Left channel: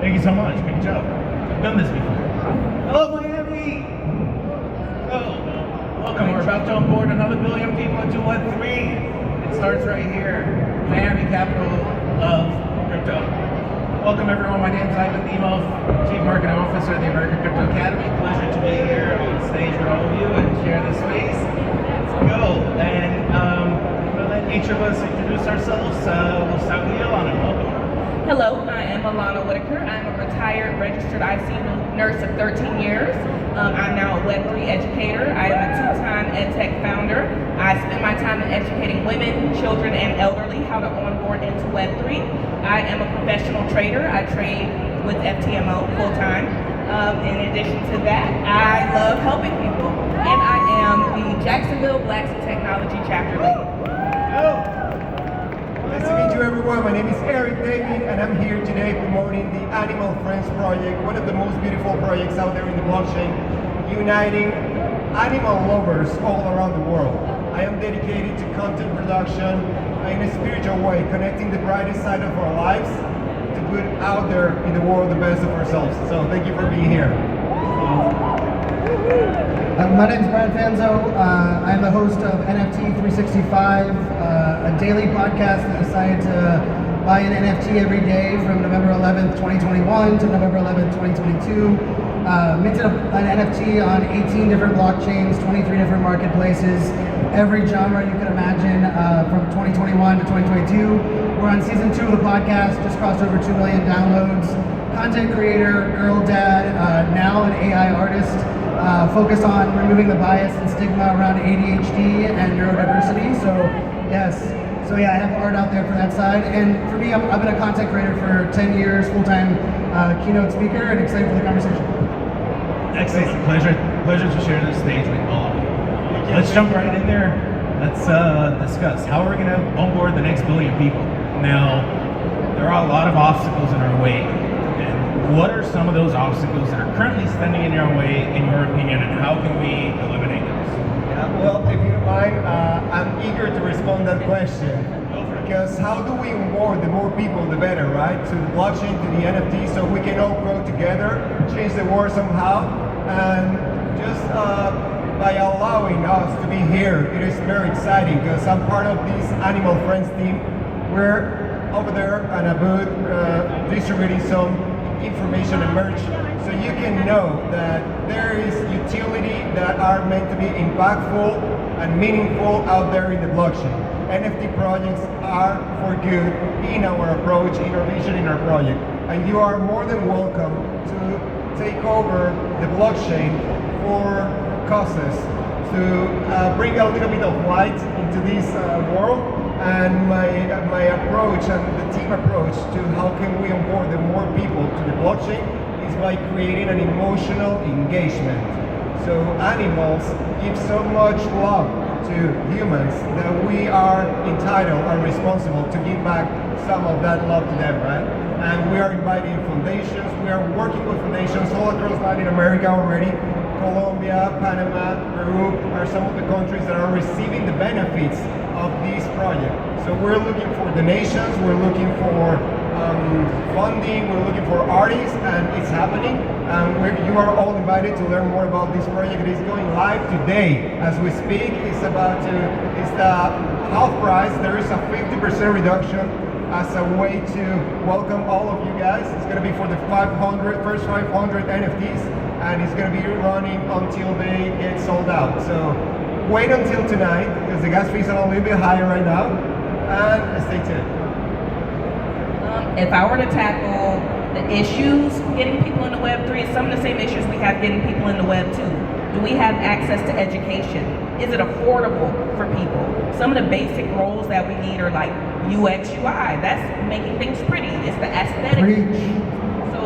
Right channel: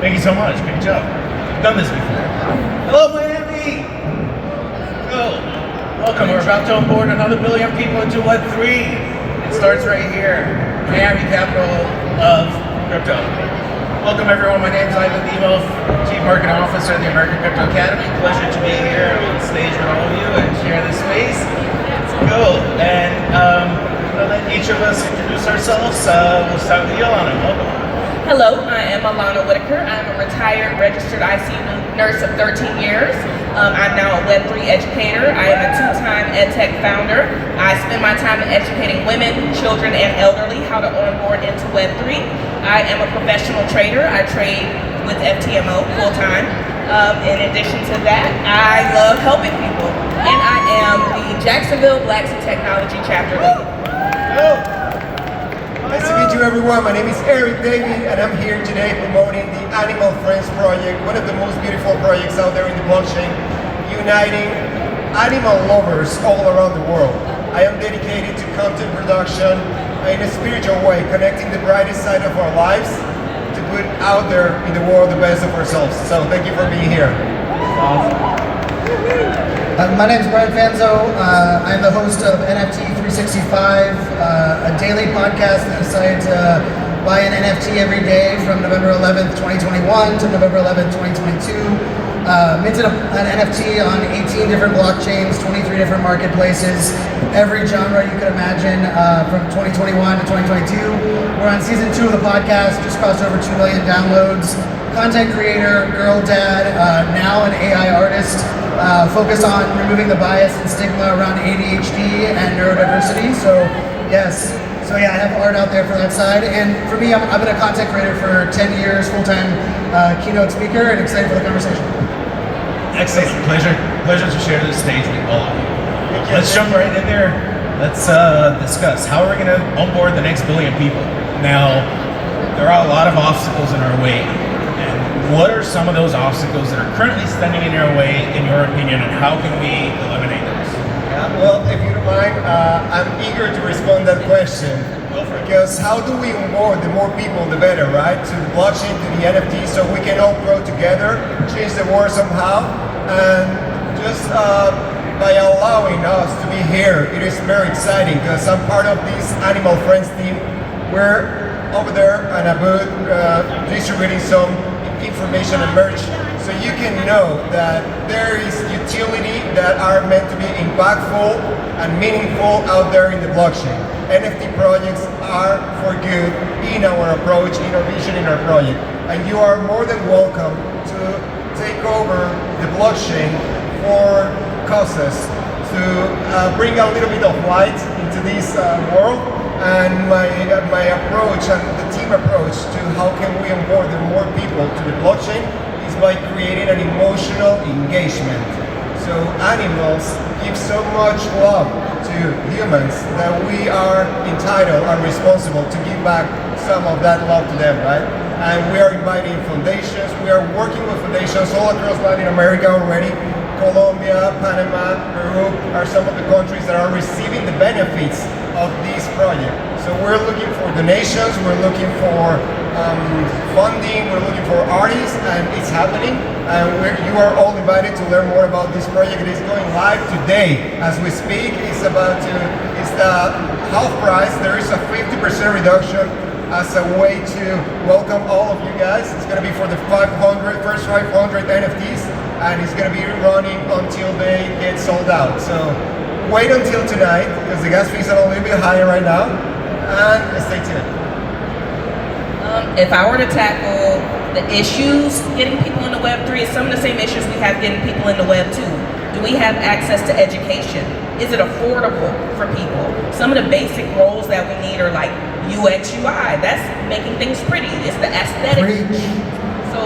Thank you so much. Good job. I've done this before. Hello, Miami. Welcome. We're about to onboard another billion people into Web3. It starts right here, Miami, capital of crypto. Welcome, everyone. My name is Ivan Dimov, Chief Marketing Officer at the American Crypto Academy. Pleasure to be here on stage with all of you and share this space. Let's go. And I'm going to let each of us introduce ourselves. We'll start with you, Alana. Welcome. Hello, I am Alana. I'm a retired registered ICU nurse of 13 years. I'm now a Web3 educator. I am a two-time EdTech founder. I spend my time educating women, children, and elderly how to onboard into Web3. I am a professional trader. I trade with FTMO full-time. In addition to that, I love helping people. And I am the Jacksonville Blacks in Technology chapter lead. Nice to meet you, everyone. My name is Eric Davey, and I'm here today promoting the Animal Friends project, one of the most beautiful projects out there in the blockchain, uniting animal lovers all around the world. I am dedicated to content production in a spiritual way, connecting the brightest side of our lives to put out there in the world the best of ourselves. So thank you for being here. My name is Brian Fanzo. I'm the host of NFT 365, a daily podcast that decided to buy an NFT every day from November 11th, 2021 to November 11th, 2022. Minted an NFT on 18 different blockchains, 23 different marketplaces, every genre you could imagine from 2021 to 2022. We're on season 2 of the podcast, just crossed over 2 million downloads. Content creator, girl dad, now an AI artist, focused on removing the bias and stigma around ADHD and neurodiversity. So yes, I have art out there for that side. And for me, I've been a content creator for 10 years, full-time keynote speaker, and excited for the conversation. Excellent. Pleasure to share this stage with all of you. Let's jump right in there. Let's discuss how are we going to onboard the next billion people. Now, there are a lot of obstacles in our way. What are some of those obstacles that are currently standing in your way, in your opinion, and how can we eliminate those? Well, if you don't mind, I'm eager to respond to that question. Because how do we onboard the more people, the better, right? To the blockchain, to the NFT, so we can all grow together, change the world somehow. And just by allowing us to be here, it is very exciting because I'm part of this Animal Friends team. We're over there on a booth distributing some information and merch, so you can know that there is utility that are meant to be impactful and meaningful out there in the blockchain. NFT projects are for good in our approach, in our vision, in our project. And you are more than welcome to take over the blockchain for causes, to bring a little bit of light into this world. And my approach and the team approach to how can we onboard the more people to the blockchain is by creating an emotional engagement. So animals give so much love to humans that we are entitled and responsible to give back some of that love to them, right? And we are inviting foundations, we are working with foundations all across Latin America already. Colombia, Panama, Peru are some of the countries that are receiving the benefits of this project. So we're looking for donations, we're looking for funding, we're looking for artists, and it's happening. You are all invited to learn more about this project. It is going live today as we speak. It's the half price. There is a 50% reduction as a way to welcome all of you guys. It's going to be for the first 500 NFTs, and it's going to be running until they get sold out. So wait until tonight, because the gas fees are a little bit higher right now, and stay tuned. If I were to tackle the issues getting people into Web3, it's some of the same issues we have getting people into Web2. Do we have access to education? Is it affordable for people? Some of the basic roles that we need are like UX, UI. That's making things pretty. It's the aesthetic. So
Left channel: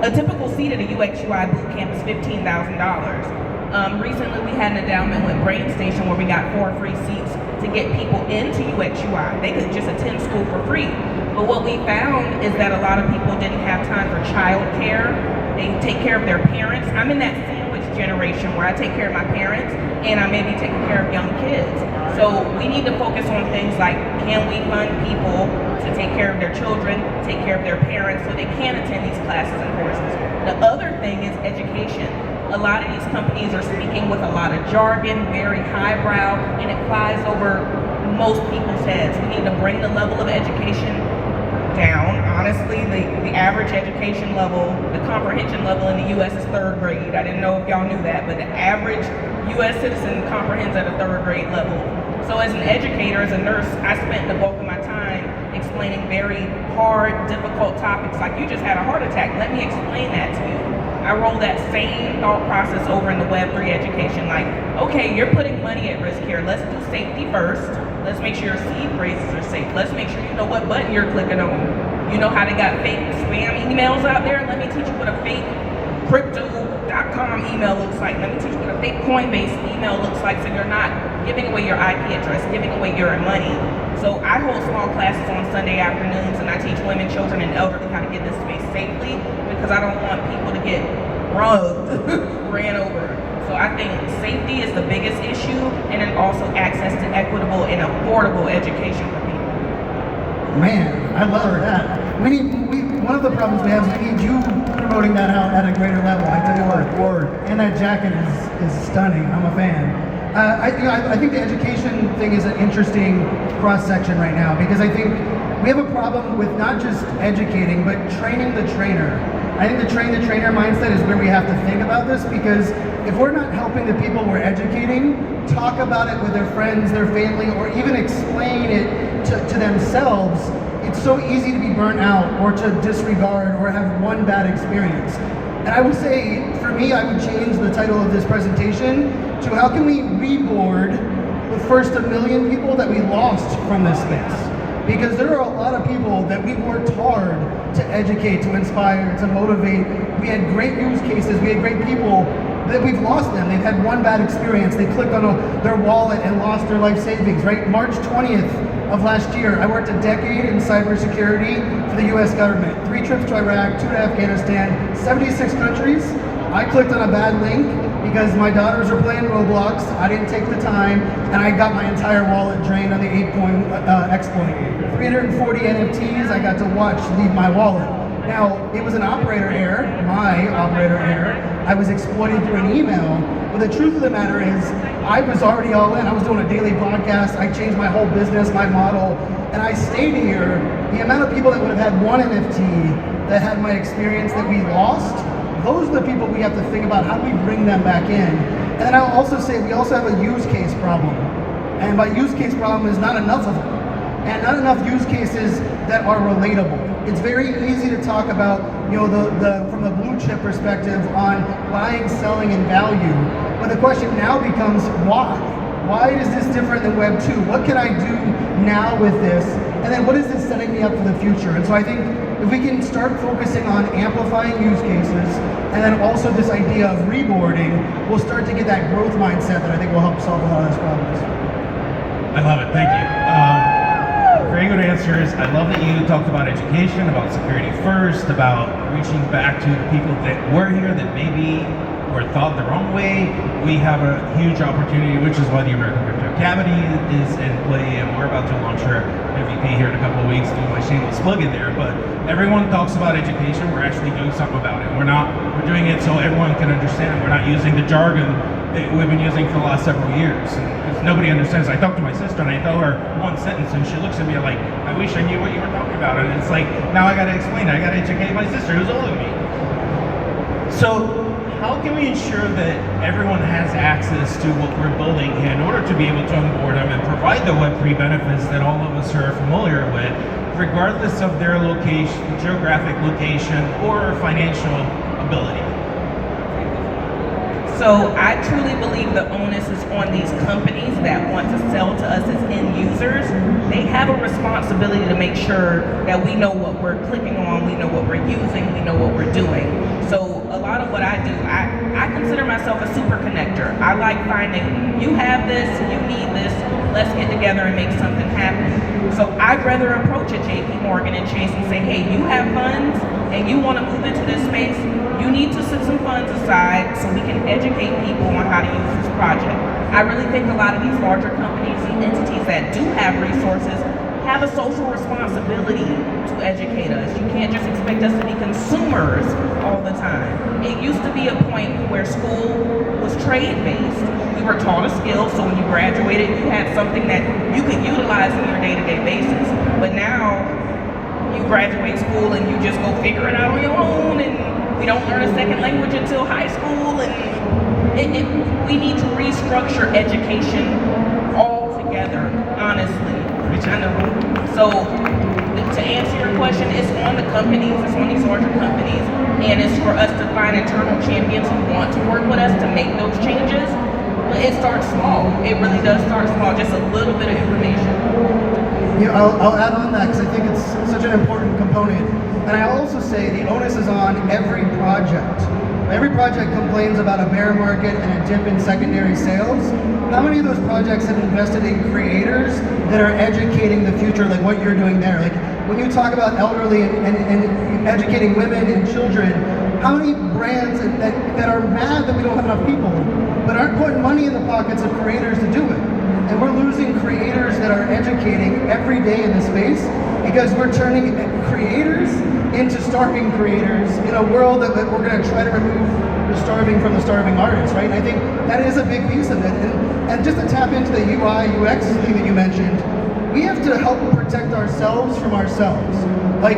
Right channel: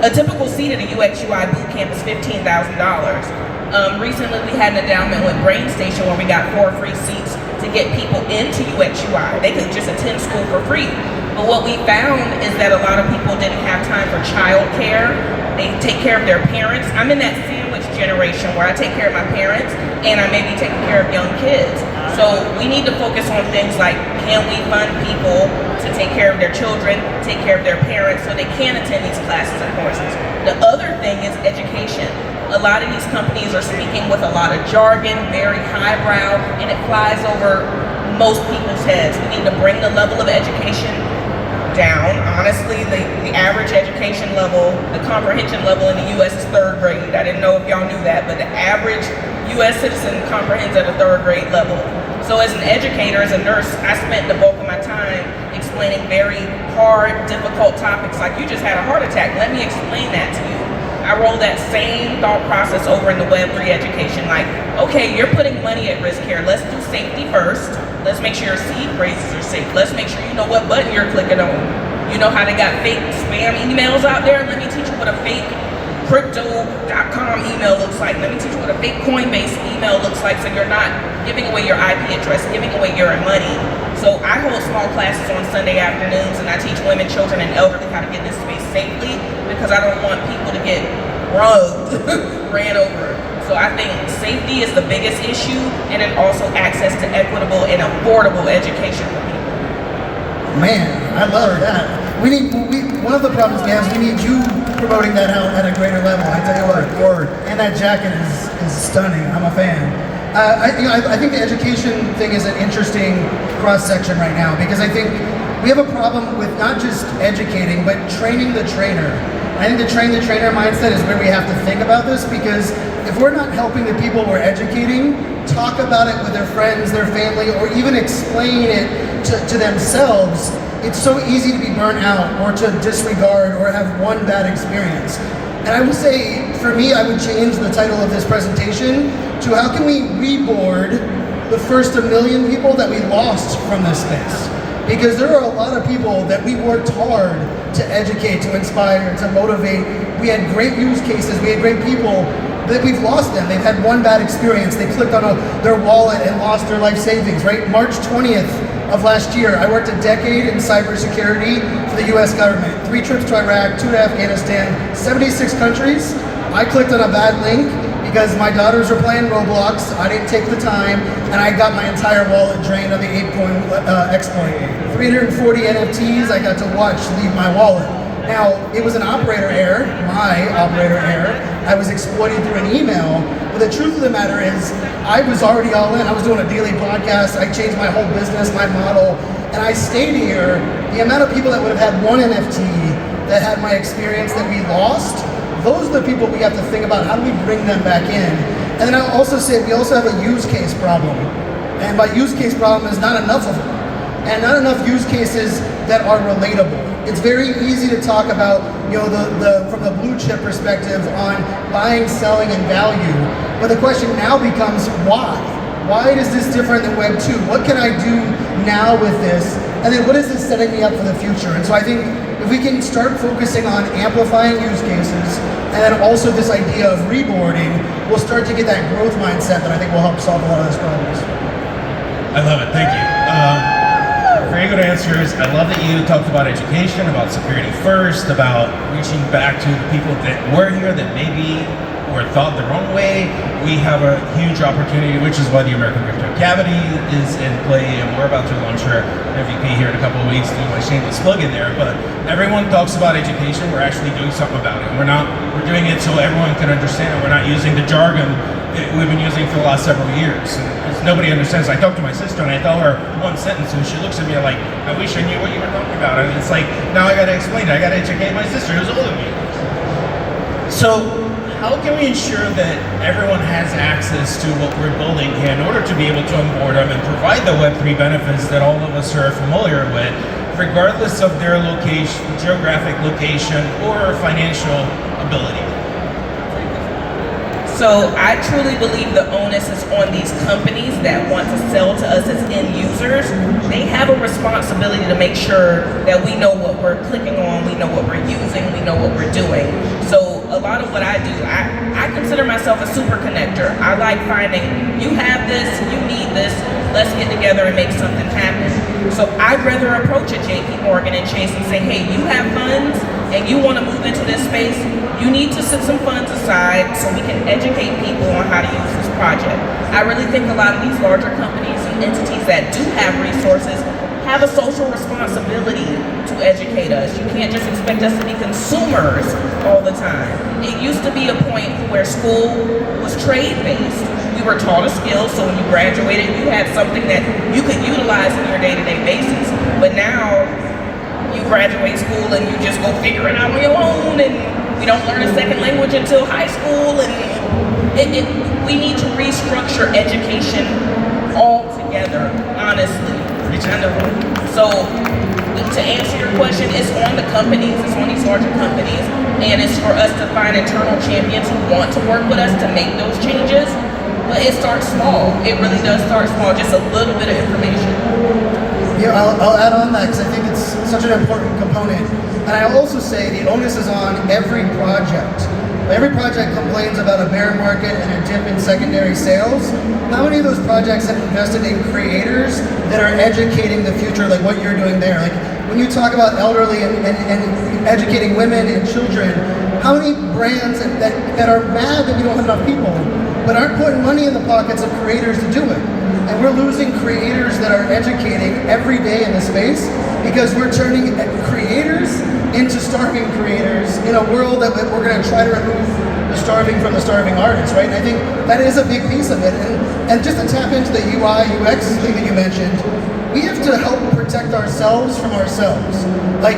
a typical seat at a UX, UI bootcamp is $15,000. Recently we had an endowment with Brain Station where we got 4 free seats to get people into UX, UI. They could just attend school for free. But what we found is that a lot of people didn't have time for childcare. They take care of their parents. I'm in that sandwich generation where I take care of my parents and I may be taking care of young kids. So we need to focus on things like, can we fund people to take care of their children, take care of their parents, so they can attend these classes and courses. The other thing is education. A lot of these companies are speaking with a lot of jargon, very highbrow, and it flies over most people's heads. We need to bring the level of education down. Honestly, the average education level, the comprehension level in the U.S. is 3rd grade. I didn't know if y'all knew that, but the average U.S. citizen comprehends at a 3rd grade level. So as an educator, as a nurse, I spent the bulk of my time explaining very hard, difficult topics like, you just had a heart attack, let me explain that to you. I roll that same thought process over into Web3 education, like, okay, you're putting money at risk here. Let's do safety first. Let's make sure your seed phrases are safe. Let's make sure you know what button you're clicking on. You know how they got fake spam emails out there? Let me teach you what a fake crypto.com email looks like. Let me teach you what a fake Coinbase email looks like, so you're not giving away your IP address, giving away your money. So I hold small classes on Sunday afternoons, and I teach women, children, and elderly how to get in this space safely, because I don't want people to get rugged, ran over. So I think safety is the biggest issue, and then also access to equitable and affordable education for people. Man, I love that. One of the problems we have is we need you promoting that out at a greater level. I tell you what, and that jacket is stunning. I'm a fan. I think the education thing is an interesting cross section right now, because I think we have a problem with not just educating, but training the trainer. I think the train the trainer mindset is where we have to think about this, because if we're not helping the people we're educating talk about it with their friends, their family, or even explain it to themselves, it's so easy to be burnt out or to disregard or have one bad experience. And I will say, for me, I would change the title of this presentation to how can we reboard the first 1 million people that we lost from this space? Because there are a lot of people that we worked hard to educate, to inspire, to motivate. We had great use cases, we had great people, that we've lost them. They've had one bad experience. They clicked on their wallet and lost their life savings, right? March 20th of last year, I worked a decade in cybersecurity for the US government. 3 trips to Iraq, 2 to Afghanistan, 76 countries. I clicked on a bad link because my daughters were playing Roblox. I didn't take the time, and I got my entire wallet drained on the ApeCoin exploit. 340 NFTs I got to watch leave my wallet. Now, it was an operator error, my operator error. I was exploited through an email, but the truth of the matter is, I was already all in. I was doing a daily podcast. I changed my whole business, my model, and I stayed here. The amount of people that would have had one NFT that had my experience that we lost, those are the people we have to think about. How do we bring them back in? And then I'll also say we also have a use case problem. And by use case problem is not enough of them. And not enough use cases that are relatable. It's very easy to talk about, from the blue chip perspective on buying, selling, and value. But the question now becomes why? Why is this different than Web 2? What can I do now with this? And then what is this setting me up for the future? And so I think if we can start focusing on amplifying use cases, and then also this idea of reboarding, we'll start to get that growth mindset that I think will help solve a lot of those problems. I love it, thank you. Very good answers. I love that you talked about education, about security first, about reaching back to the people that were here that maybe were thought the wrong way. We have a huge opportunity, which is why the American Crypto Academy is in play, and we're about to launch our MVP here in a couple of weeks, doing my shameless plug in there. But everyone talks about education, we're actually doing something about it. We're doing it so everyone can understand it. We're not using the jargon that we've been using for the last several years. Nobody understands. I talk to my sister and I tell her one sentence and she looks at me like, I wish I knew what you were talking about. And it's like, now I gotta explain it. I gotta educate my sister who's older than me. So how can we ensure that everyone has access to what we're building here in order to be able to onboard them and provide the Web3 benefits that all of us are familiar with, regardless of their location, geographic location, or financial ability? So I truly believe the onus is on these companies that want to sell to us as end users. They have a responsibility to make sure that we know what we're clicking on, we know what we're using, we know what we're doing. So a lot of what I do, I consider myself a super connector. I like finding, you have this, you need this, let's get together and make something happen. So I'd rather approach a JP Morgan and Chase and say, hey, you have funds and you want to move into this space, you need to send some funds aside so we can educate people on how to use this project. I really think a lot of these larger companies and entities that do have resources have a social responsibility to educate us. You can't just expect us to be consumers all the time. It used to be a point where school was trade-based. We were taught a skill, so when you graduated, you had something that you could utilize in your day-to-day basis. But now, you graduate school and you just go figure it out on your own, and we don't learn a second language until high school, and we need to restructure education altogether, honestly. So, to answer your question, it's on the companies, it's on these larger companies, and it's for us to find internal champions who want to work with us to make those changes. But it starts small. It really does start small, just a little bit of information. Yeah, I'll add on that because I think it's such an important component. And I'll also say the onus is on every project. Every project complains about a bear market and a dip in secondary sales. How many of those projects have invested in creators that are educating the future, like what you're doing there? Like when you talk about elderly and educating women and children, how many brands that are mad that we don't have enough people, but aren't putting money in the pockets of creators to do it? And we're losing creators that are educating every day in the space because we're turning creators into starving creators in a world that we're going to try to remove the starving from the starving artists, right? And I think that is a big piece of it. And just to tap into the UI, UX thing that you mentioned, we have to help protect ourselves from ourselves. Like,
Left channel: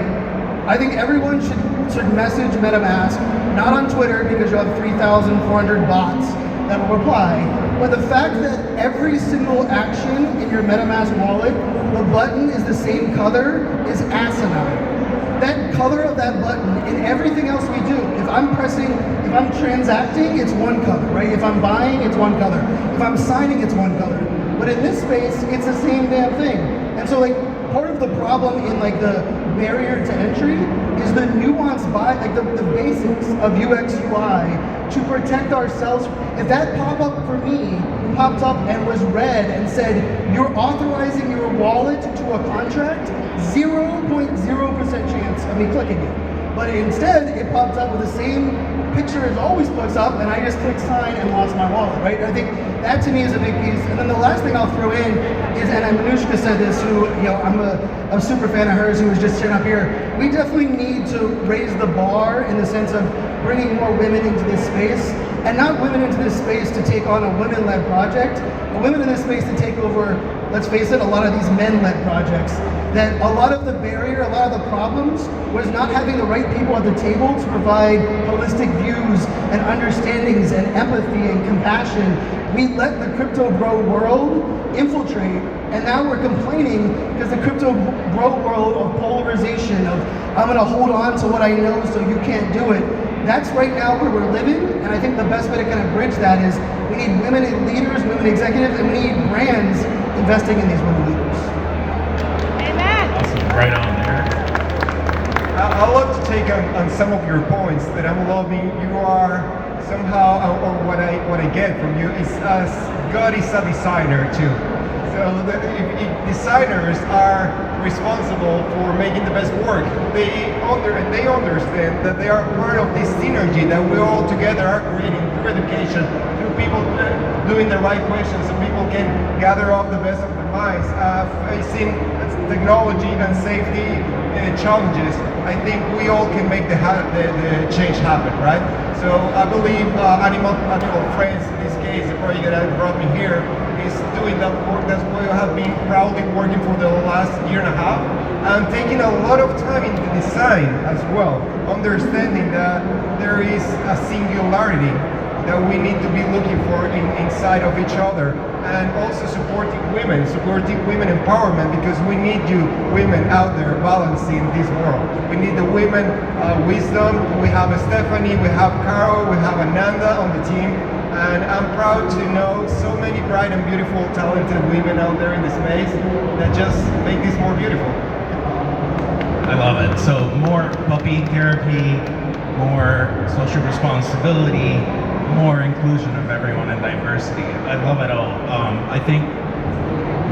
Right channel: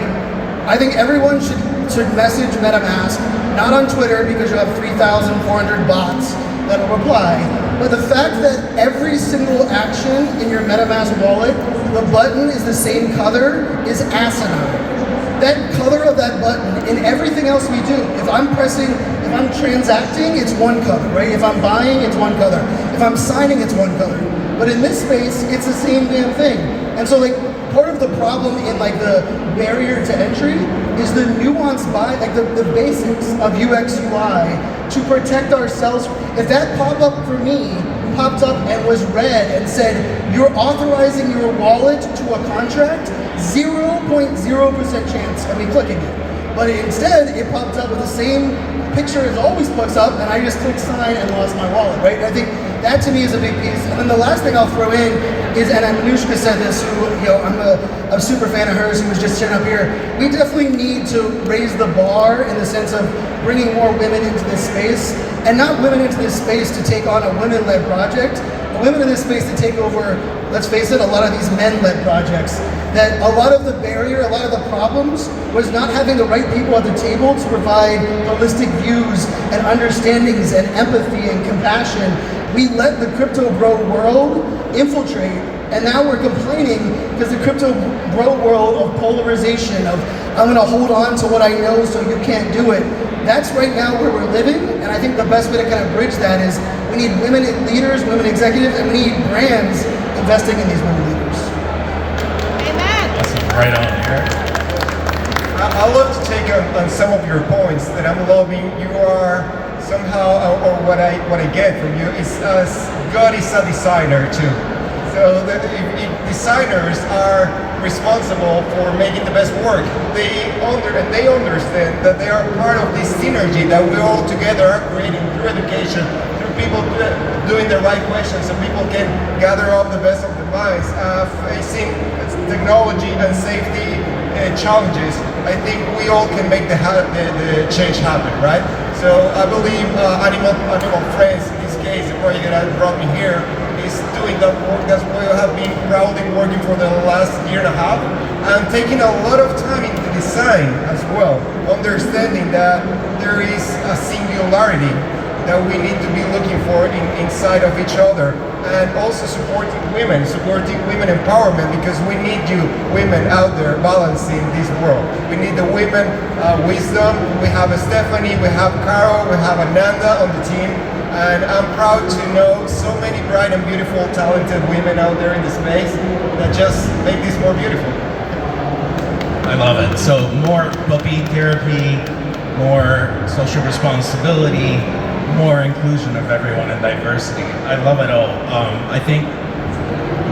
I think everyone should message MetaMask, not on Twitter because you have 3,400 bots that will reply, but the fact that every single action in your MetaMask wallet, the button is the same color, is asinine. That color of that button in everything else we do, if I'm transacting, it's one color, right? If I'm buying, it's one color. If I'm signing, it's one color. But in this space, it's the same damn thing. And so like, part of the problem in like the barrier to entry is the nuanced like the basics of UX UI to protect ourselves. If that pop-up for me popped up and was red and said, you're authorizing your wallet to a contract, 0.0% chance of me clicking it. But instead, it popped up with the same picture as always pops up, and I just clicked sign and lost my wallet, right? And I think that to me is a big piece. And then the last thing I'll throw in is, and Anushka said this, who, you know, I'm a super fan of hers, who was just sitting up here. We definitely need to raise the bar in the sense of bringing more women into this space, and not women into this space to take on a women-led project, but women in this space to take over, let's face it, a lot of these men-led projects. That a lot of the barrier, a lot of the problems was not having the right people at the table to provide holistic views and understandings and empathy and compassion. We let the crypto bro world infiltrate, and now we're complaining because the crypto bro world of polarization, of I'm gonna hold on to what I know so you can't do it. That's right now where we're living, and I think the best way to kind of bridge that is we need women leaders, women executives, and we need brands investing in these women leaders. Awesome, right on there. I'd love to take on some of your points that I'm loving. You are somehow, or what I get from you is God is a designer too. So if designers are responsible for making the best work, they understand that they are part of this synergy that we all together are creating through education, through people doing the right questions, so people can gather up the best of their minds, facing technology and safety challenges. I think we all can make the change happen, right? So I believe Animal Friends, in this case, the project that brought me here, is doing that work. That's why I have been proudly working for the last year and a half. I'm taking a lot of time into design as well, understanding that there is a singularity that we need to be looking for inside of each other, and also supporting women empowerment, because we need you women out there balancing this world. We need the women wisdom. We have Stephanie, we have Carol, we have Ananda on the team, and I'm proud to know so many bright and beautiful, talented women out there in the space that just make this more beautiful. I love it. So more puppy therapy, more social responsibility, more inclusion of everyone and diversity. I love it all. I think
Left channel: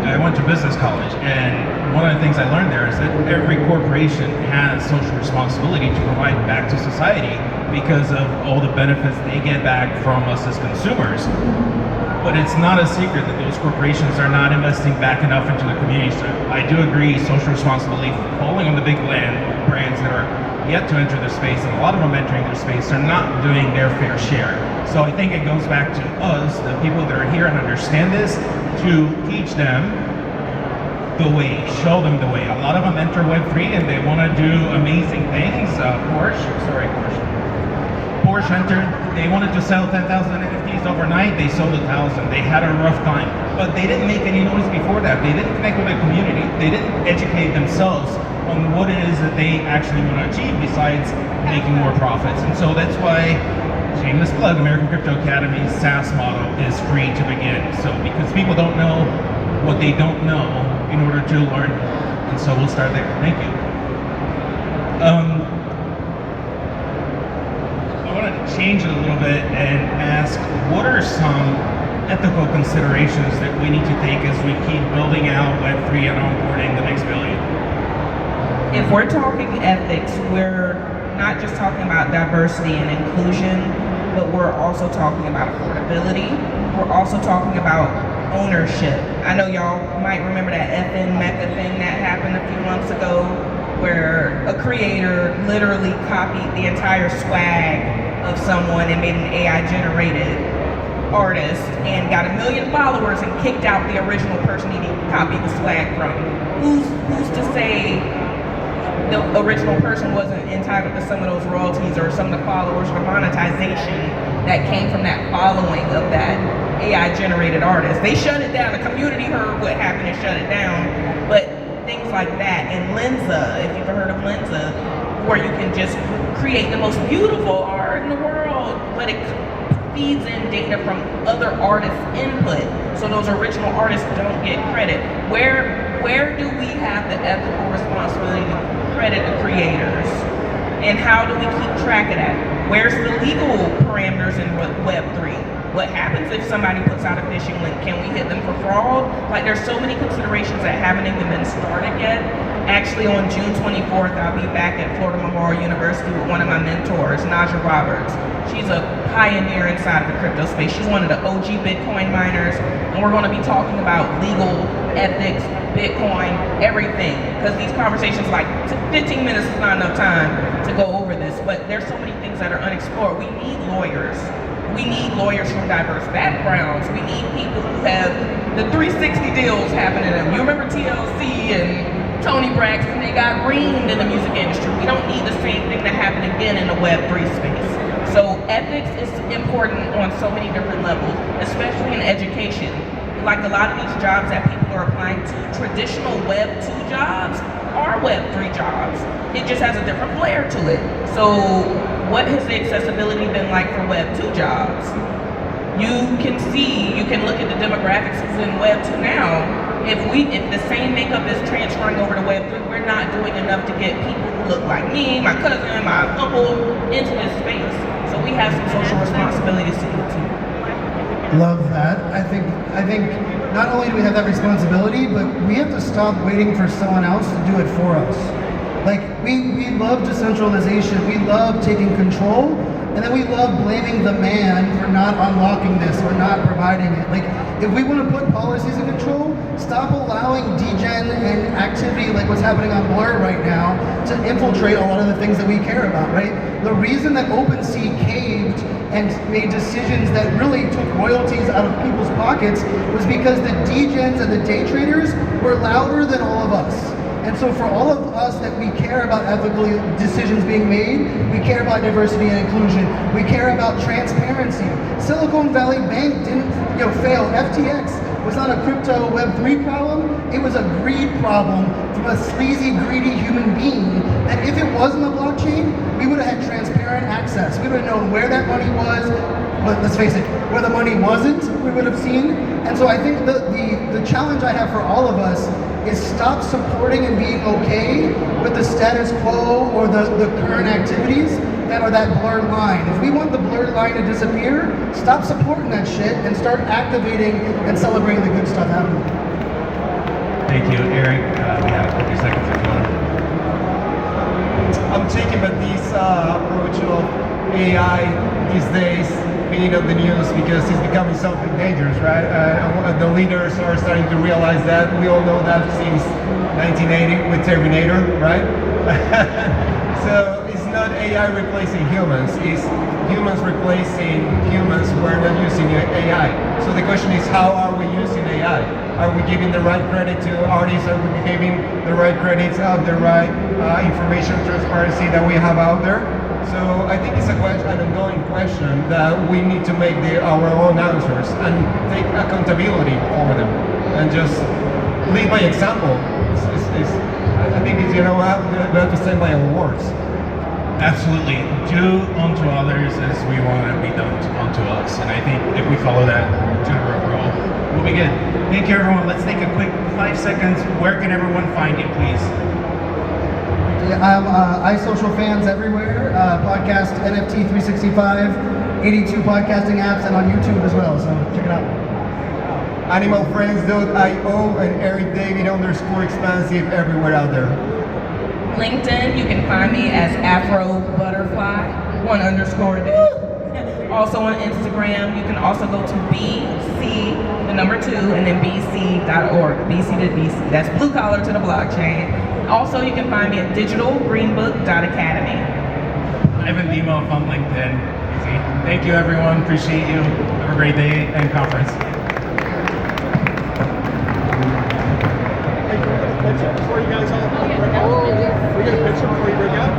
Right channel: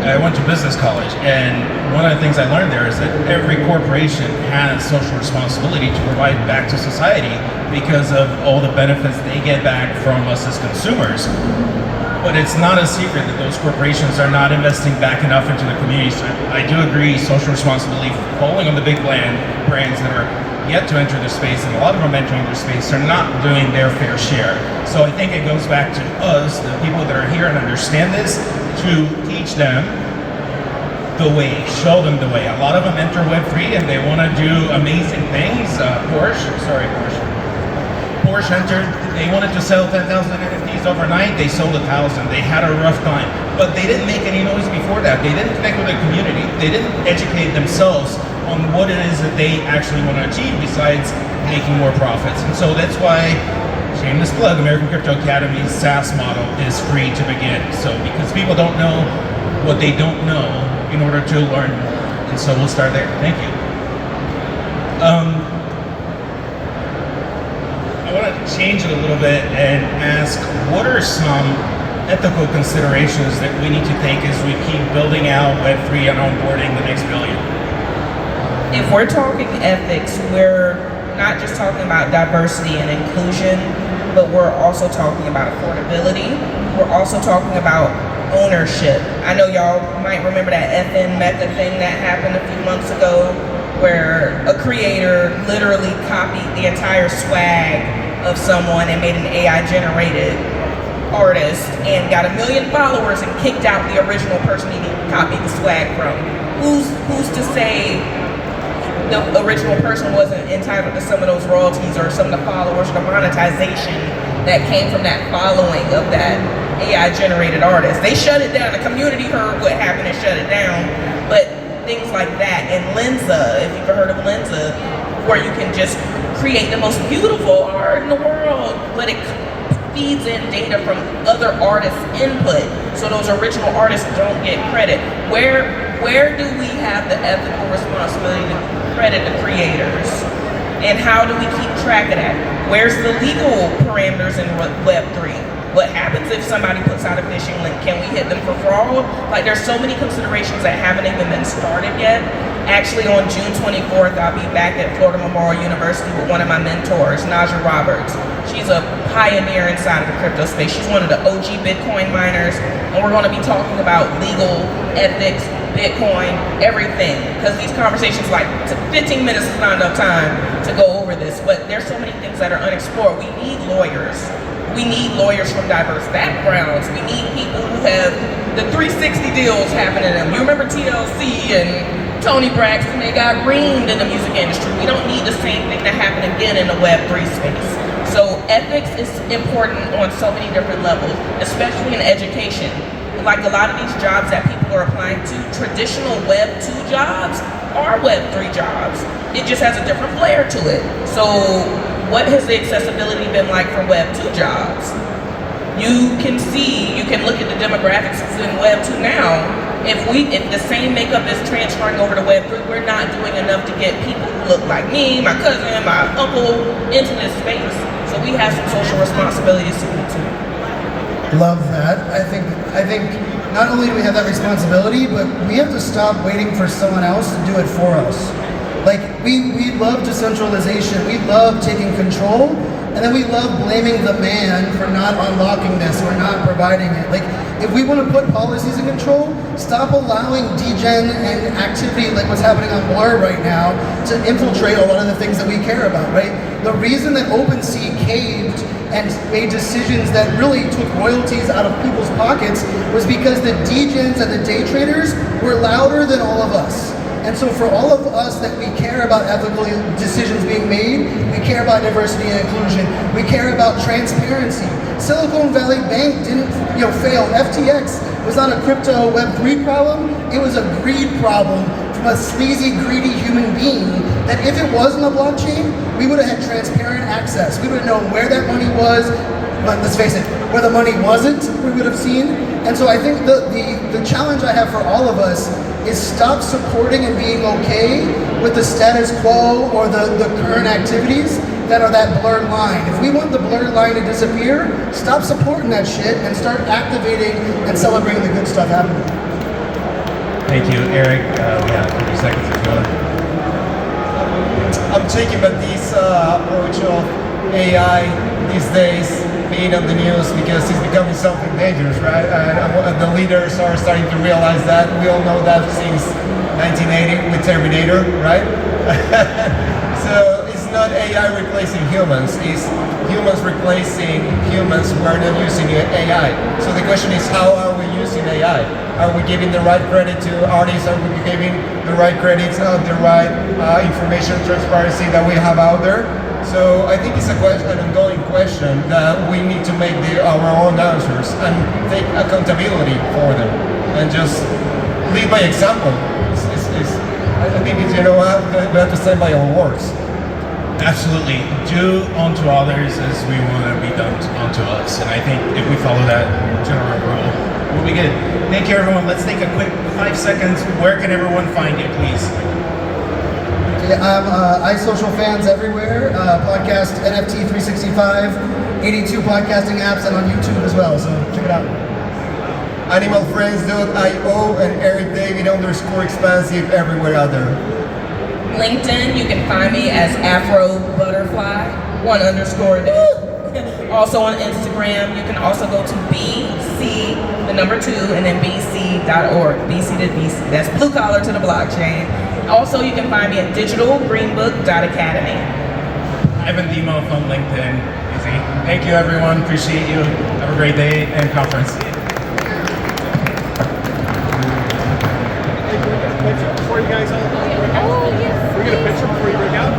I went to business college, and one of the things I learned there is that every corporation has social responsibility to provide back to society because of all the benefits they get back from us as consumers. But it's not a secret that those corporations are not investing back enough into the community. So I do agree, social responsibility, falling on the big brands that are yet to enter the space, and a lot of them entering their space are not doing their fair share. So I think it goes back to us, the people that are here and understand this, to teach them the way, show them the way. A lot of them enter Web3 and they want to do amazing things. Porsche entered, they wanted to sell 10,000 NFTs overnight, they sold 1,000. They had a rough time, but they didn't make any noise before that. They didn't connect with the community. They didn't educate themselves on what it is that they actually want to achieve besides making more profits. And so that's why, shameless plug, American Crypto Academy's SaaS model is free to begin. So because people don't know what they don't know in order to learn more. And so we'll start there. Thank you. I want to change it a little bit and ask, what are some ethical considerations that we need to take as we keep building out Web3 and onboarding the next billion? If we're talking ethics, we're not just talking about diversity and inclusion, but we're also talking about affordability. We're also talking about ownership. I know y'all might remember that FN Mecca thing that happened a few months ago, where a creator literally copied the entire swag of someone and made an AI-generated artist and got 1 million followers and kicked out the original person he copied the swag from. Who's to say the original person wasn't entitled to some of those royalties or some of the followers or the monetization that came from that following of that AI-generated artist? They shut it down. The community heard what happened and shut it down. But things like that, and Lenza, if you've heard of Lenza, where you can just create the most beautiful art in the world, but it feeds in data from other artists' input, so those original artists don't get credit. Where do we have the ethical responsibility to credit the creators? And how do we keep track of that? Where's the legal parameters in Web3? What happens if somebody puts out a phishing link? Can we hit them for fraud? Like, there's so many considerations that haven't even been started yet. Actually, on June 24th, I'll be back at Florida Memorial University with one of my mentors, Naja Roberts. She's a pioneer inside of the crypto space. She's one of the OG Bitcoin miners, and we're going to be talking about legal, ethics, Bitcoin, everything. Because these conversations, like 15 minutes is not enough time to go over this, but there's so many things that are unexplored. We need lawyers. We need lawyers from diverse backgrounds. We need people who have the 360 deals happening. And you remember TLC and Tony Braxton, they got reamed in the music industry. We don't need the same thing to happen again in the Web3 space. So ethics is important on so many different levels, especially in education. Like a lot of these jobs that people are applying to, traditional Web 2 jobs are Web 3 jobs. It just has a different flair to it. So what has the accessibility been like for Web 2 jobs? You can see, you can look at the demographics in Web 2 now. If the same makeup is transferring over to Web 3, we're not doing enough to get people who look like me, my cousin, my uncle into this space. So we have some social responsibilities to do too. Love that. I think not only do we have that responsibility, but we have to stop waiting for someone else to do it for us. Like, we love decentralization, we love taking control, and then we love blaming the man for not unlocking this or not providing it. Like, if we want to put policies in control, stop allowing degen and activity like what's happening on Blur right now to infiltrate a lot of the things that we care about, right? The reason that OpenSea caved and made decisions that really took royalties out of people's pockets was because the degens and the day traders were louder than all of us. And so for all of us that we care about ethical decisions being made, we care about diversity and inclusion, we care about transparency. Silicon Valley Bank didn't fail. FTX was not a crypto Web3 problem, it was a greed problem from a sleazy, greedy human being that if it wasn't a blockchain, we would have had transparent access. We would have known where that money was, but let's face it, where the money wasn't, we would have seen. And so I think the challenge I have for all of us is stop supporting and being okay with the status quo or the current activities that are that blurred line. If we want the blurred line to disappear, stop supporting that shit and start activating and celebrating the good stuff happening. Thank you, Eric. We have 30 seconds as well. I'm taking about this approach of AI these days being on the news because it's becoming something dangerous, right? And the leaders are starting to realize that. We all know that since 1980 with Terminator, right? So it's not AI replacing humans, it's humans replacing humans who are not using AI. So the question is, how are we using AI? Are we giving the right credit to artists? Are we giving the right credits out, the right information transparency that we have out there? So I think it's an ongoing question that we need to make our own answers and take accountability for them and just lead by example. I think it's, we have to stand by our words. Absolutely. Do unto others as we want to be done unto us. And I think if we follow that general rule, we'll be good. Thank you, everyone. Let's take a quick 5 seconds. Where can everyone find you, please? Yeah, I'm iSocial fans everywhere. Podcast NFT 365, 82 podcasting apps, and on YouTube as well. So check it out. Animalfriends.io and EricDavid_expansive everywhere out there. LinkedIn, you can find me as Afro Butterfly, 1_. Also on Instagram, you can also go to BC, the number 2, and then BC.org. BC to BC. That's blue collar to the blockchain. Also, you can find me at digitalgreenbook.academy. Ivan Demo from LinkedIn. Easy. Thank you, everyone. Appreciate you. Have a great day and conference. Before you guys all Oh, yes. we get a picture before you break out.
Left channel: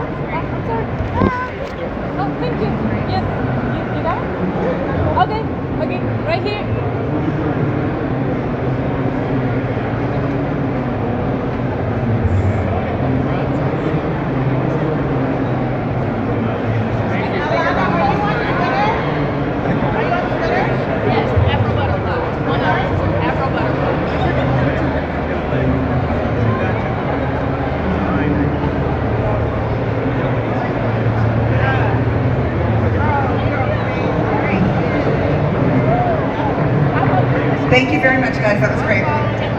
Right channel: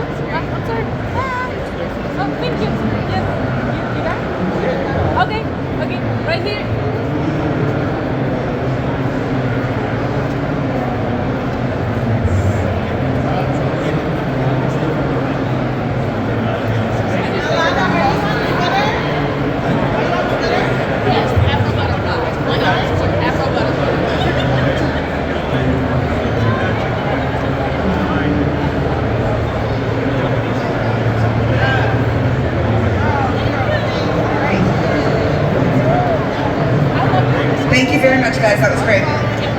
Oops, I'm sorry. Oh, thank you. Yes. You got it? Okay. Okay. Right here. Thank you very much, guys. That was great.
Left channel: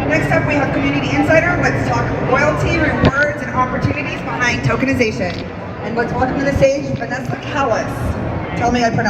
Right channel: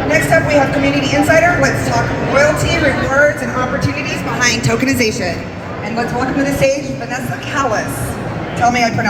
Next up, we have Community Insider. Let's talk royalty, rewards, and opportunities behind tokenization. And let's welcome to the stage Vanessa Callis. Tell me I pronounced